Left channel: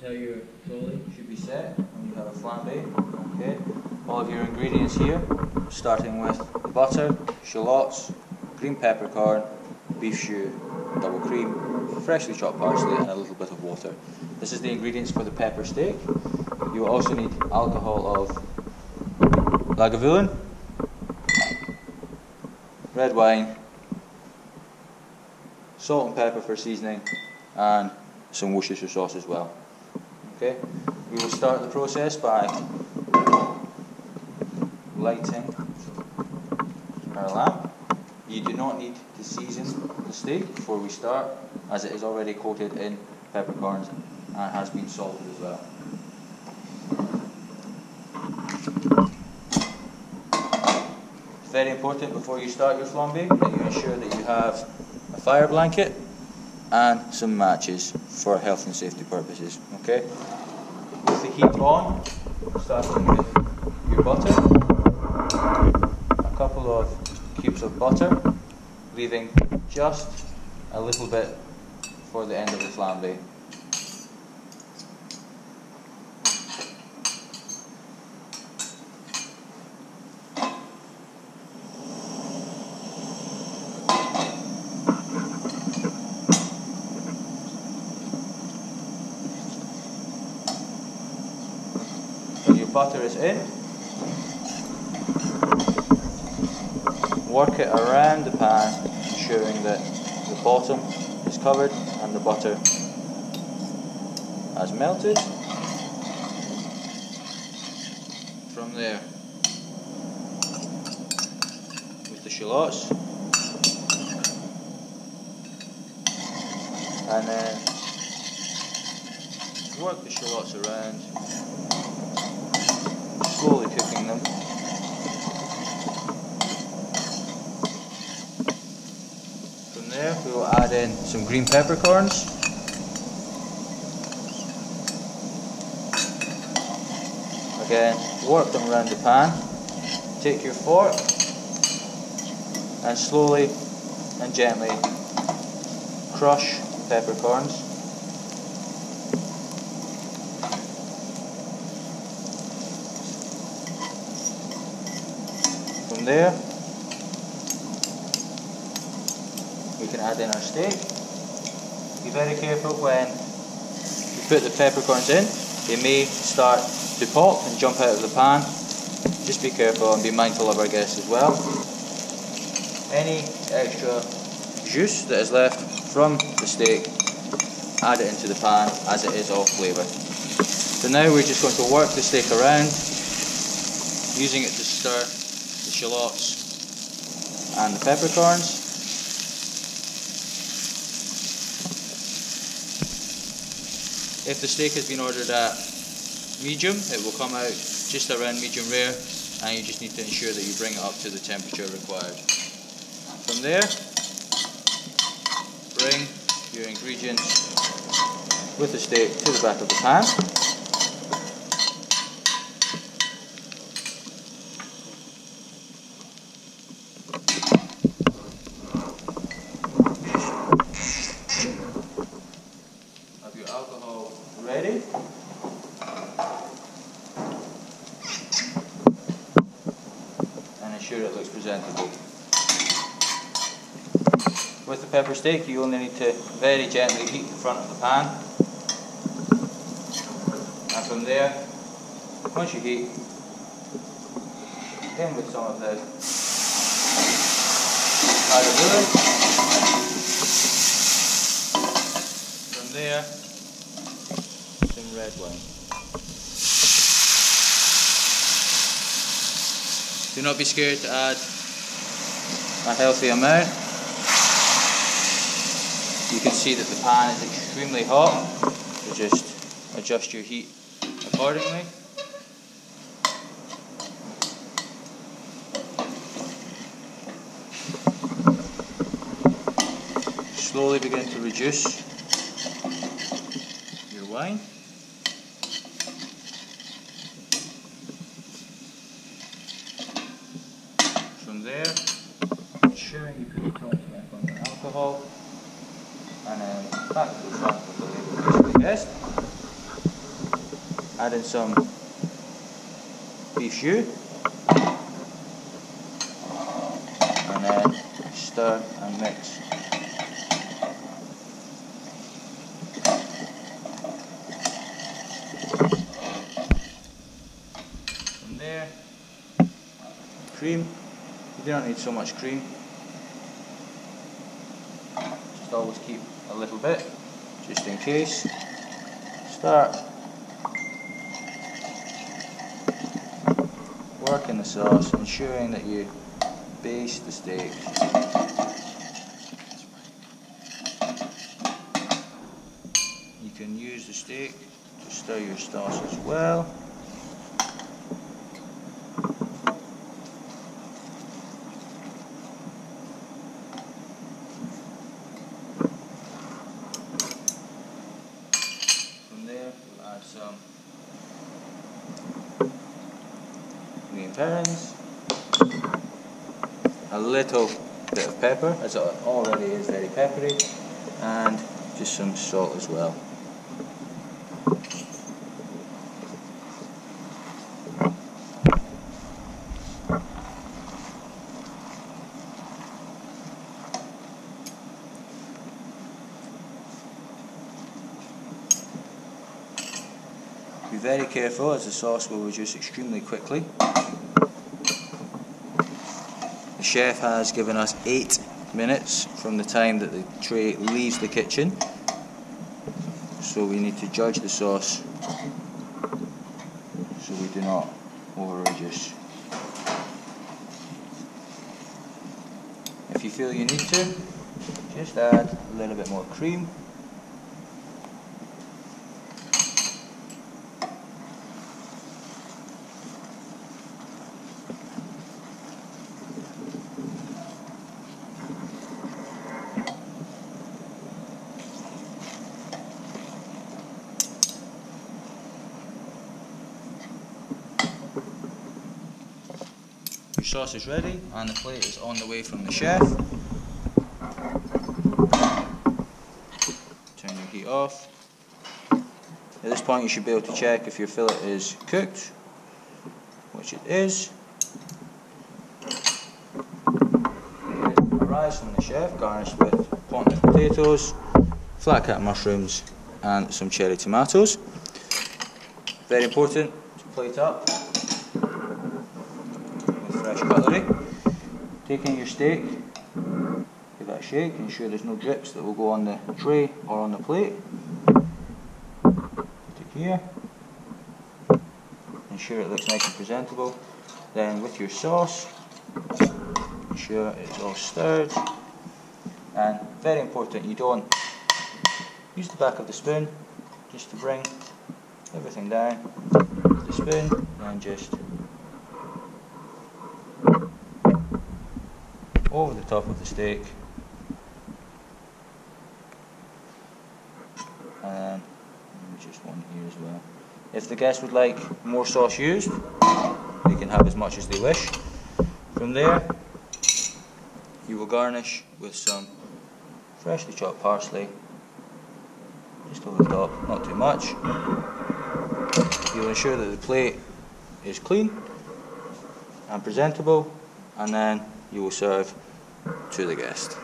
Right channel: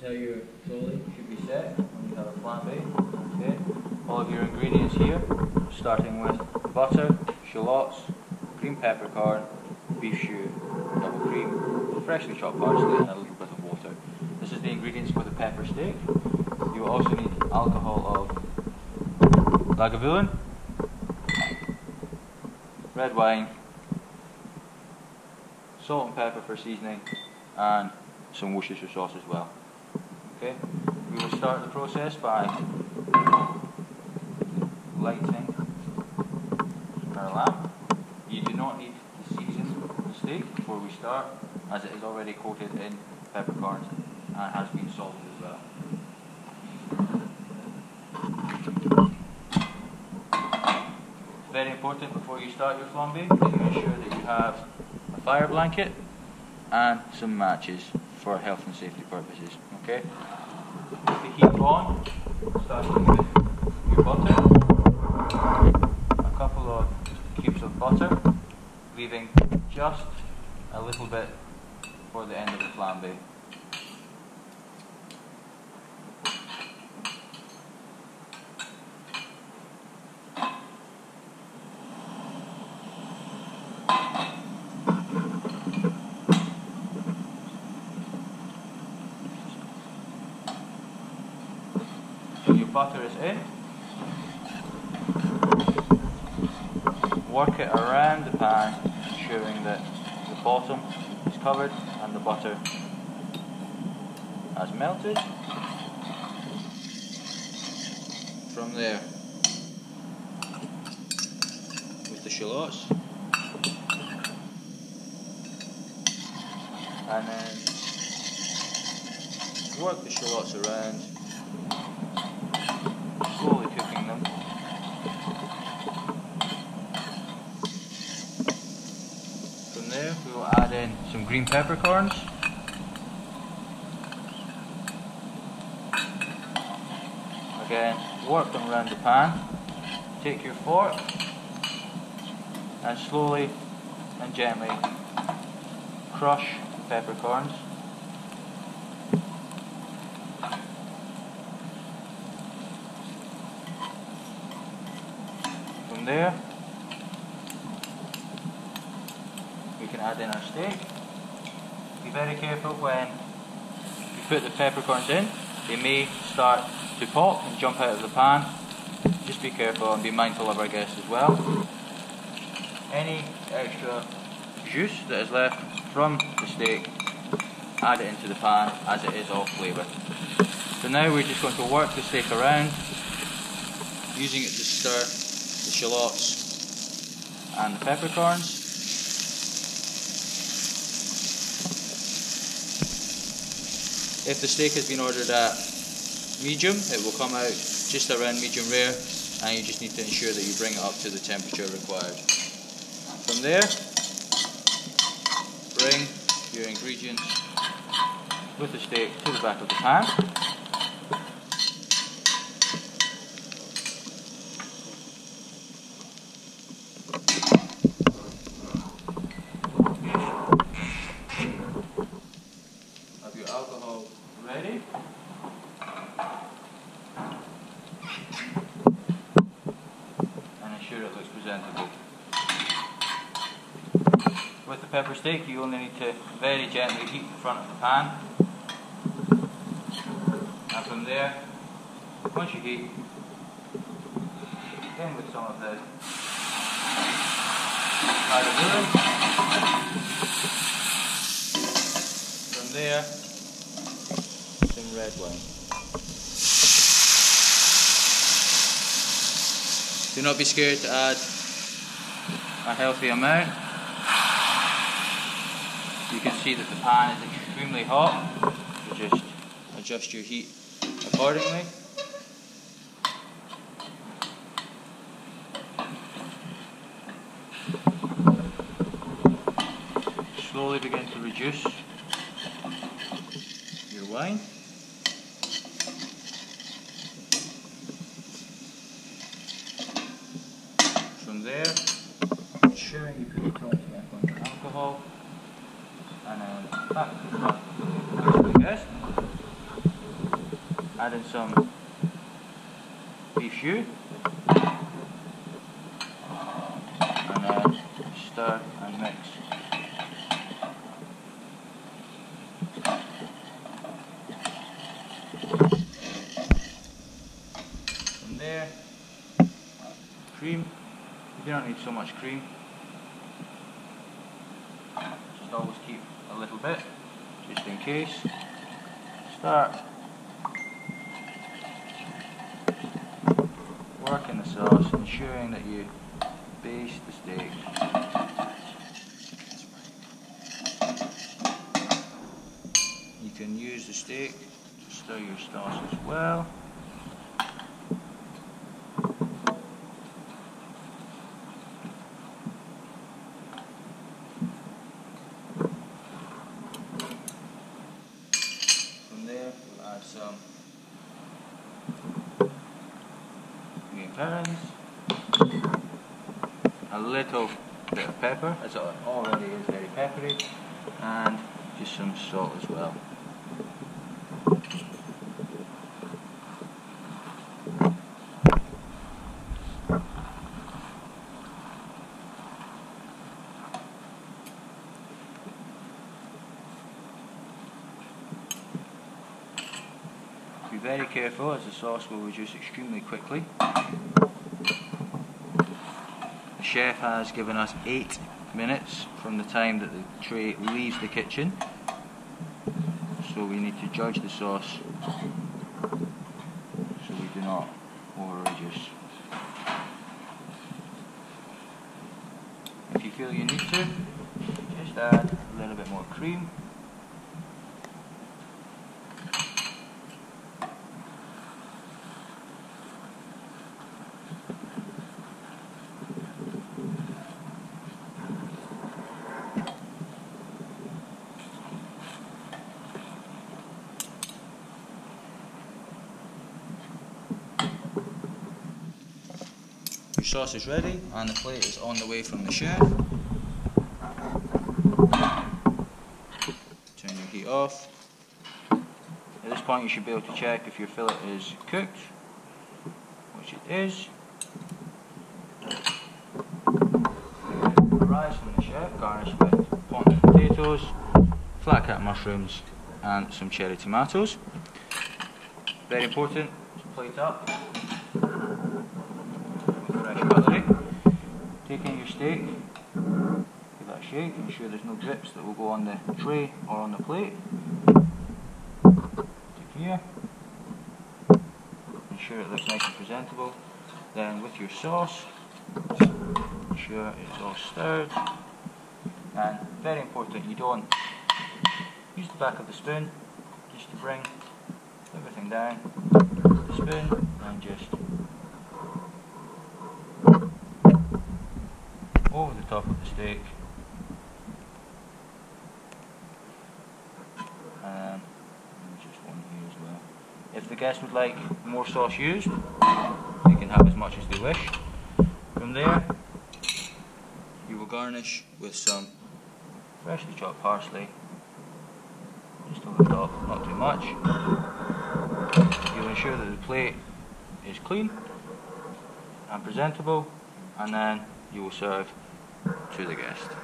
is how your trolley should be set when you have a flambe. Okay. All of your ingredients here, starting with the butter, shallots, green peppercorn, beef stew, double cream, freshly chopped parsley and a little bit of water. This is the ingredients for the pepper steak. You will also need alcohol of Lagavulin, red wine, salt and pepper for seasoning, and some Worcestershire sauce as well. Okay, we will start the process by lighting our lamp. You do not need to season the steak before we start, as it is already coated in peppercorns and has been salted as well. It's very important before you start your flambe that you ensure that you have a fire blanket and some matches for health and safety purposes. Okay? With the heat on, starting with your butter, a couple of cubes of butter, leaving just a little bit for the end of the flambe. When your butter is in, work it around the pan, ensuring that the bottom is covered and the butter has melted. From there, with the shallots, and then work the shallots around, slowly cooking them. From there we will add in some green peppercorns, again work them around the pan. Take your fork and slowly and gently crush the peppercorns. From there, we can add in our steak. Be very careful when you put the peppercorns in. They may start to pop and jump out of the pan. Just be careful and be mindful of our guests as well. Any extra juice that is left from the steak, add it into the pan as it is all flavoured. So now we're just going to work the steak around, using it to stir the shallots and the peppercorns. If the steak has been ordered at medium, it will come out just around medium rare, and you just need to ensure that you bring it up to the temperature required. From there, bring your ingredients with the steak to the back of the pan. Have your alcohol ready. And ensure it looks presentable. With the pepper steak, you only need to very gently heat the front of the pan. And from there, once you heat, in with some of the Lagavulin. From there, some red wine. Do not be scared to add a healthy amount. You can see that the pan is extremely hot, so just adjust your heat accordingly. Slowly begin to reduce your wine. From there, ensuring you put the top back on the alcohol, and then back to the front with the label facing the guest. add in some beef jus, and then stir and mix. From there, cream. You do not need so much cream. Just always keep a little bit, just in case. Start working the sauce, ensuring that you baste the steak. You can use the steak to stir your sauce as well. From there, we'll add some green parents, a little bit of pepper, as it already is very peppery, and just some salt as well. Be very careful, as the sauce will reduce extremely quickly. The chef has given us 8 minutes from the time that the tray leaves the kitchen, so we need to judge the sauce so we do not over reduce. If you feel you need to, just add a little bit more cream. Your sauce is ready and the plate is on the way from the chef. Turn your heat off. At this point you should be able to check if your fillet is cooked, which it is. Arrives from the chef, garnished with plantain potatoes, flat cut mushrooms and some cherry tomatoes. Very important to plate up fresh cutlery. Taking your steak, give it a shake, ensure there's no drips that will go on the tray or on the plate. Put it here. Ensure it looks nice and presentable. Then with your sauce, ensure it's all stirred. And very important, you don't use the back of the spoon just to bring everything down with the spoon and just over the top of the steak, and just one here as well. If the guest would like more sauce used, they can have as much as they wish. From there, you will garnish with some freshly chopped parsley, just over the top, not too much. You'll ensure that the plate is clean and presentable, and then you will serve to the guest.